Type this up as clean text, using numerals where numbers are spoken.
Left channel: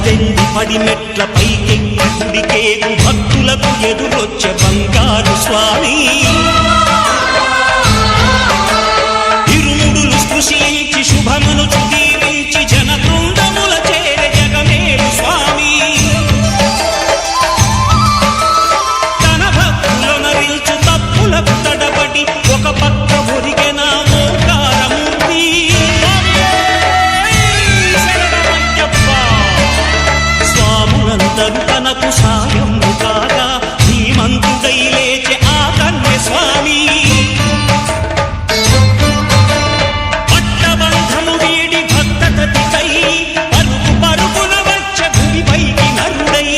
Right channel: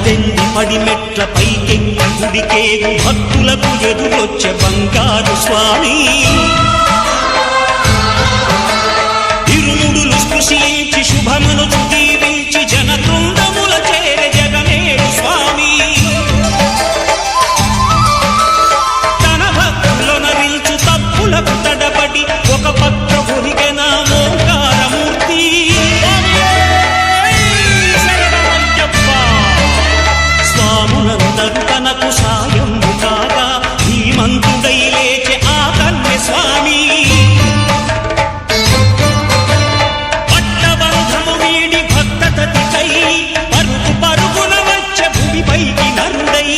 18 పడిమెట్ల పైకెక్కి గుడికేగు భక్తులకు ఎదురొచ్చే బంగారు స్వామి ఇరుముడులు స్పృశించి శుభమనుచు దీవించి జన బృందముల చేరే జగమేలు స్వామి తన భక్తులొనరిల్చు తప్పులకు తడబడి ఒక పక్క ఒరిగెన ఓంకారమూర్తి స్వాములందరూ తనకు సాయము కాగా ధీమంతుడై లేచే ఆ కన్య స్వామి పట్టబంధము వీడి భక్తతతికై పరుగు పరుగున వచ్చే భూమిపైకి నరుడై